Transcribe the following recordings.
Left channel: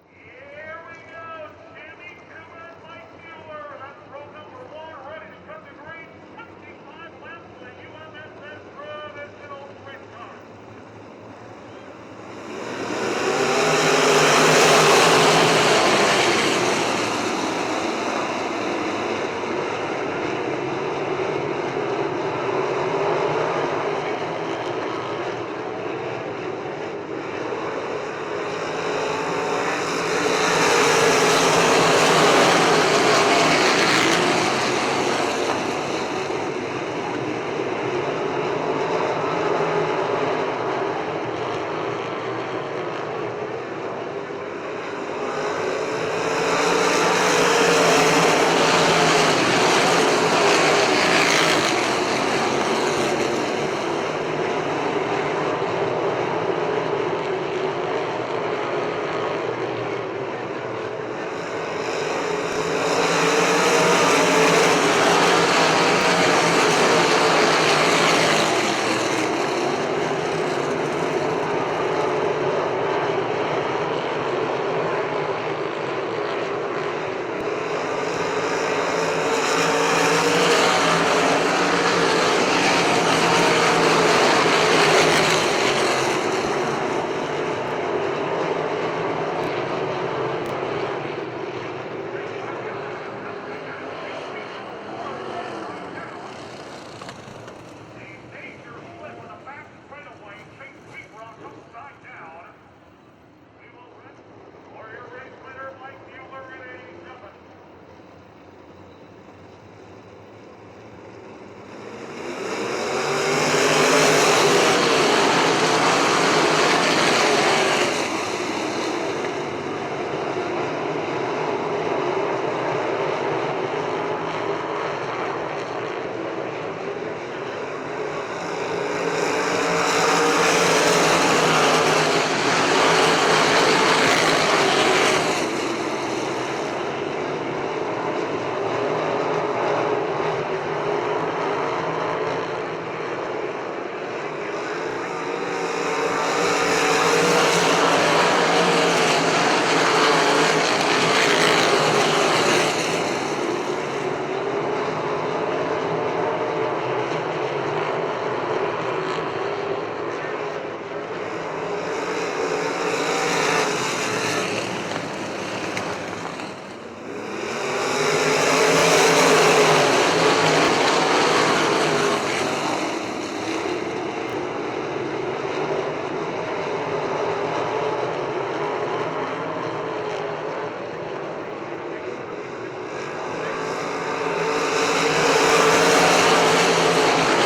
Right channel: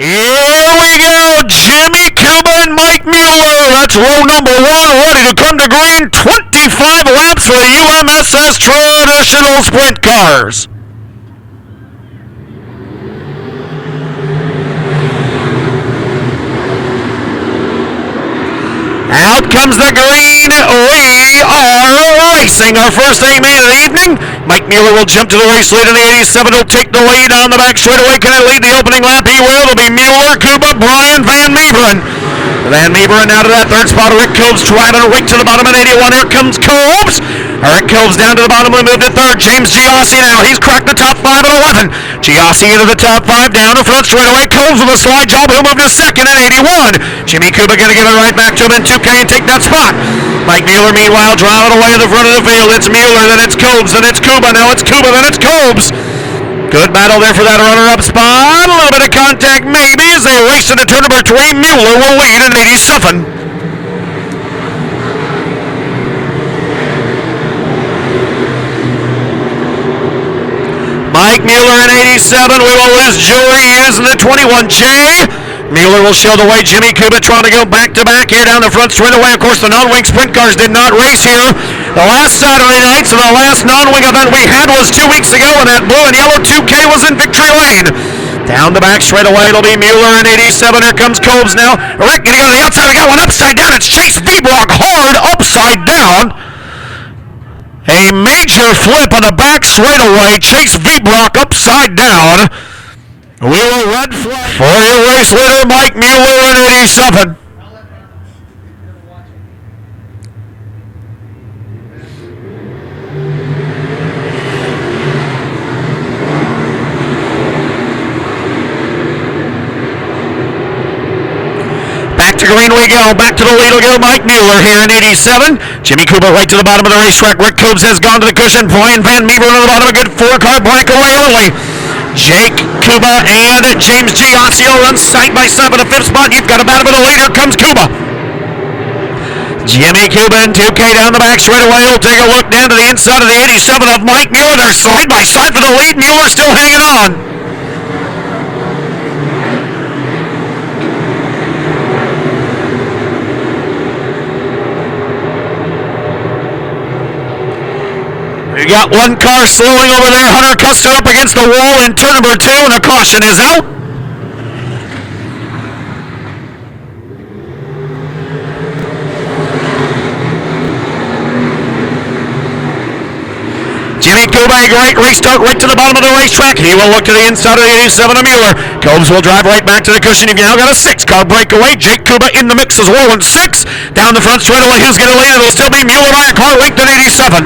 Here we go, Jimmy Cuba and Mike Mueller. That's row number one, ready to come to green. 25 laps for the UMSS traditional sprint cars. Out comes the green. We are racing our first A-main of the evening. Mike Mueller will jump to the race lead in the 87. He'll take the lead on the back straightaway. Can he lead the opening lap? He will. It'll be Mueller, Cuba, Brian, Van Meeberen. Van Meeberen out of that third spot. Rick Cobes driving right to the bottom at 81. Here comes Cobes. Rick Cobes down to the bottom. We move to third. James Giossi now. He's cracked the top 5 at 11. Giossi into the top 5. Down to front straightaway. Cobes with a slide job. He'll move to second at 81. Jimmy Cuba going to give it right back to him in 2K and take that spot. Mike Mueller, meanwhile, driving away in the front of the field. It's Mueller, then it's Cobes, then it's Cuba. Now it's Cuba, then it's Cobes. Good battle there for that runner-up spot. A little bit of contact maybe as they race into turn number 3. Mueller will lead in 87. Mike Mueller in 87. We will lose Joey Hughes in the 21J. Mueller will show the way. Jimmy Cuba trying to go back-to-back here down the front straightaway. Of course, the non-wing sprint cars did not race here the last Saturday night, so the last non-wing event we had was 2 weeks ago, and that blue and yellow 2K was in victory lane. Down the back straightaway, it'll be Mueller in 87. Here comes Cobes now. Rick going to go to the outside. We got one upside down. It's Chase Vebrock hard upside down. A major flip on the back straightaway. Chase Vebrock upside down. We will red flag for your race leader, Mike Mueller in 87. Back to green we go. Back to the lead will go Mike Mueller here in 87. Jimmy Cuba right to the bottom of the racetrack. Rick Cobes has gone to the cushion. Brian Van Meeberen to the bottom. A good 4-car breakaway early. Jake Cuba and James Giossi run side by side for the 5th spot. You've got a battle with the leader. Comes Cuba. Jimmy Cuba in 2K down the back straightaway. He'll take a look down to the inside of the 87 of Mike Mueller. They're side by side for the lead. Mueller still hanging on. We got one car slowing over there. Hunter Custer up against the wall in turn number 2, and a caution is out. Jimmy Cuba, a great restart right to the bottom of the racetrack. He will look to the inside of the 87 of Mueller. Cobes will drive right back to the cushion. You've now got a 6-car breakaway. Jake Cuba in the mix as well in 6. Down the front straightaway, who's going to lead? It'll still be Mueller by a car length at 87.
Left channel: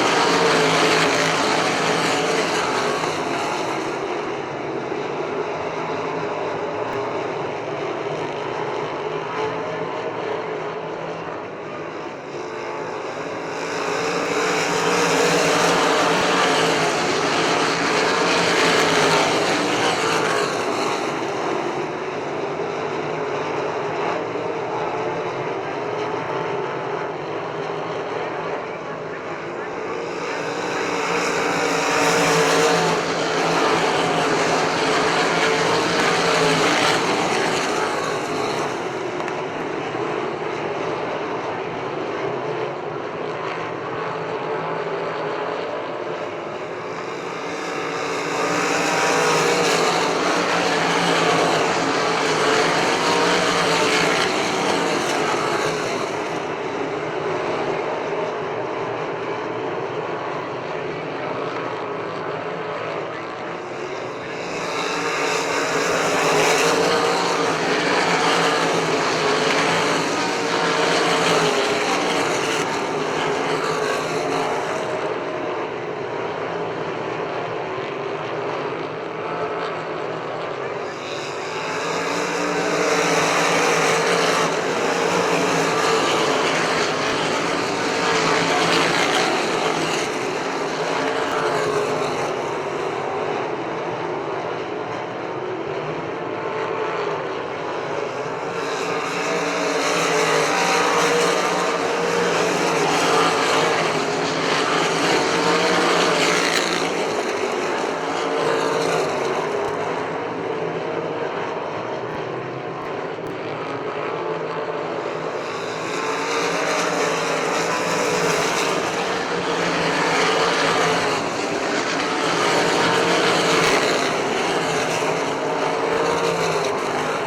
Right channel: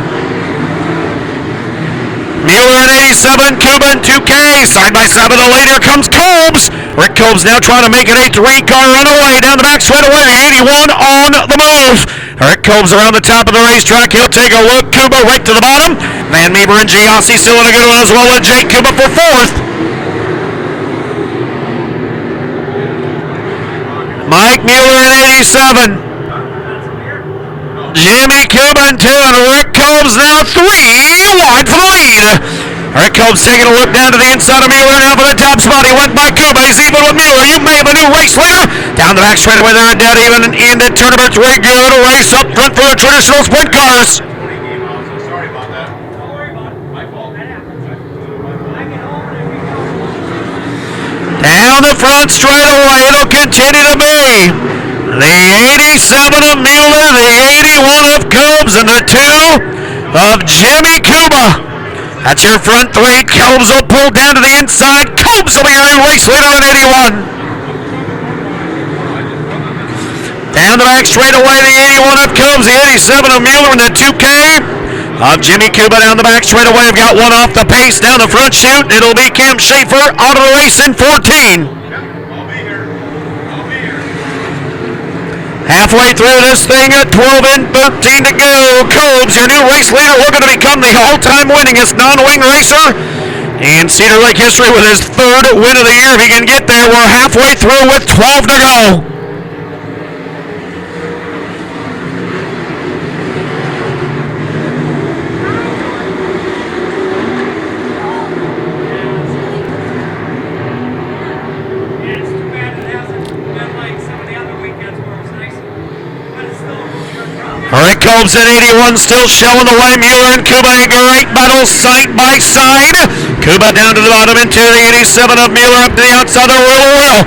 Mueller in 87, Cuba in 2K, side by side with the leader comes Cobes. Rick Cobes now trying to make it a 3-car runaway down the back straightaway. The 81 on the move. Rick Cobes around the top of the racetrack. He'll take a look. Cuba right to the bottom. Van Meeberen and Giossi still in a good one as well with Jake Cuba for 4th. Mike Mueller in 87. Jimmy Cuba in 2 and Rick Cobes now 3 wide for the lead. Rick Cobes taking a look down to the inside of Mueller now for the top spot. He went by Cuba. He's even with Mueller. You may have a new race leader. Down the back straightaway there and dead even into turn number 3. Good race up front for the traditional sprint cars. Down the front straightaway. It'll continue to be the 87 of Mueller, the 81 of Cobes, and the 2 of Jimmy Cuba. That's your front 3. Cobes will pull down to the inside. Cobes will be your new race leader in 81. Down the back straightaway, the 81 of Cobes, the 87 of Mueller, and the 2K of Jimmy Cuba down the back straightaway. I've got one off the pace down the front chute. It'll be Cam Schaefer out of the race in 14. Halfway through this thing at 12 and 13 to go. Cobes, your new race leader, looking to become the all-time winningest non-wing racer in Cedar Lake history with his 3rd win of the year. If he can get there, we're halfway through with 12 to go. Cobes at 81 still showing the way. Mueller and Kuba, a great battle side by side. Kuba down to the bottom into the 87 of Mueller, up to the outside of the wheel.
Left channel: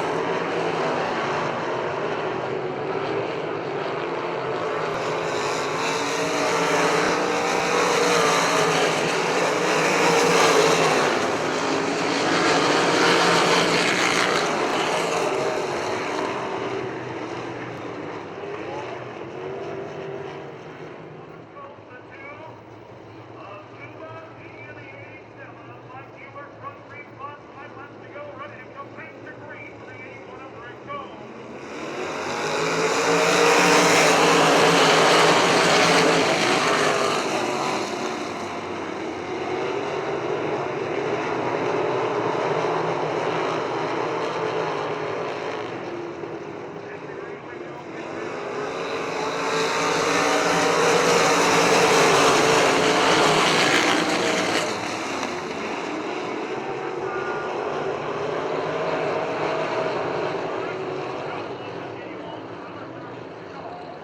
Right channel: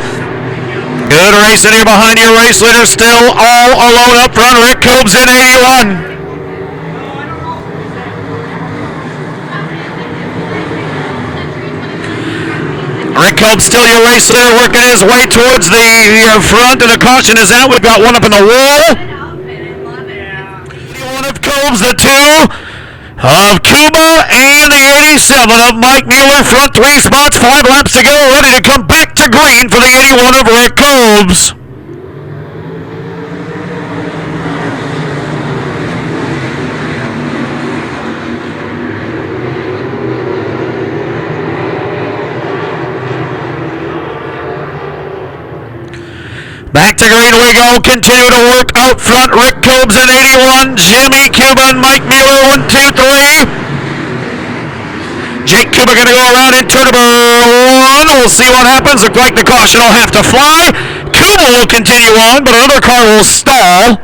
Good racing here behind your race leader, still all alone up front. Rick Cobes in 81. Rick Cobes still your race leader, working his way towards the front, and the caution is out. We've got one up in the wall. One of Cobes, the two of Cuba, and the 87 of Mike Mueller. Front 3 spots, 5 laps to go, ready to come back to green for the 81 of Rick Cobes. Back to green we go. Continue to work out front. Rick Cobes at 81. Jimmy Cuba and Mike Mueller 1, 2, 3. Jake Cuba going to go around in turn number 1. We'll see what happens. Looks like the caution will have to fly. Cuba will continue on, but another car will stall.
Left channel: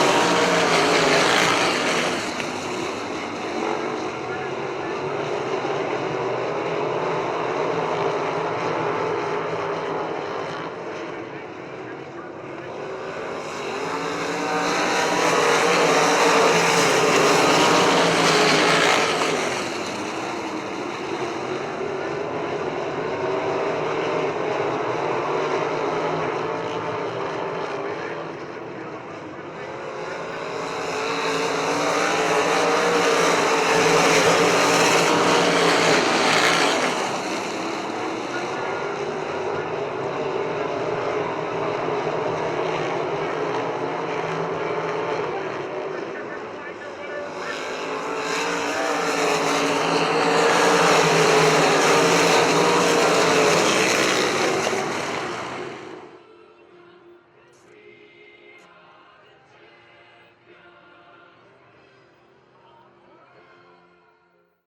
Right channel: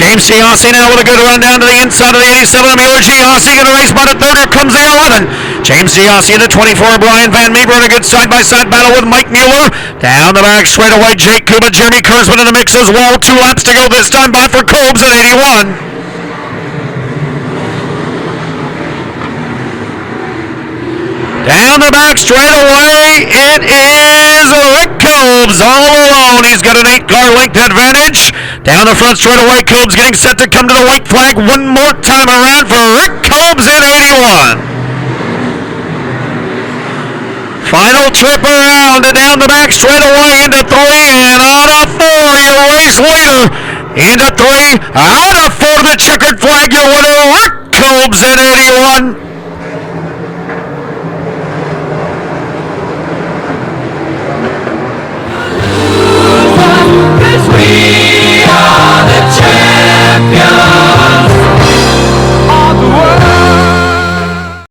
James Giossi now with a good run down to the inside of the 87 of Mueller. Giossi going to race by the third. Here comes the 11. James Giossi in the 24. Brian Van Meeber in a good side-by-side battle with Mike Mueller. Down the back straight away, Jake Kuba, Jeremy Kurzman in the mix as well. 2 laps to go this time by for Cobes at 81. Down the back straight away, it is Rick Cobes all alone. He's got an 8-car length advantage. Down the front straight away, Cobes getting set to come to the white flag one more time around for Rick Cobes in 81. Final trip around and down the back straight away into 3 and out of 4, your race leader. Into 3, out of 4, the checkered flag, your winner, Rick Cobes in 81.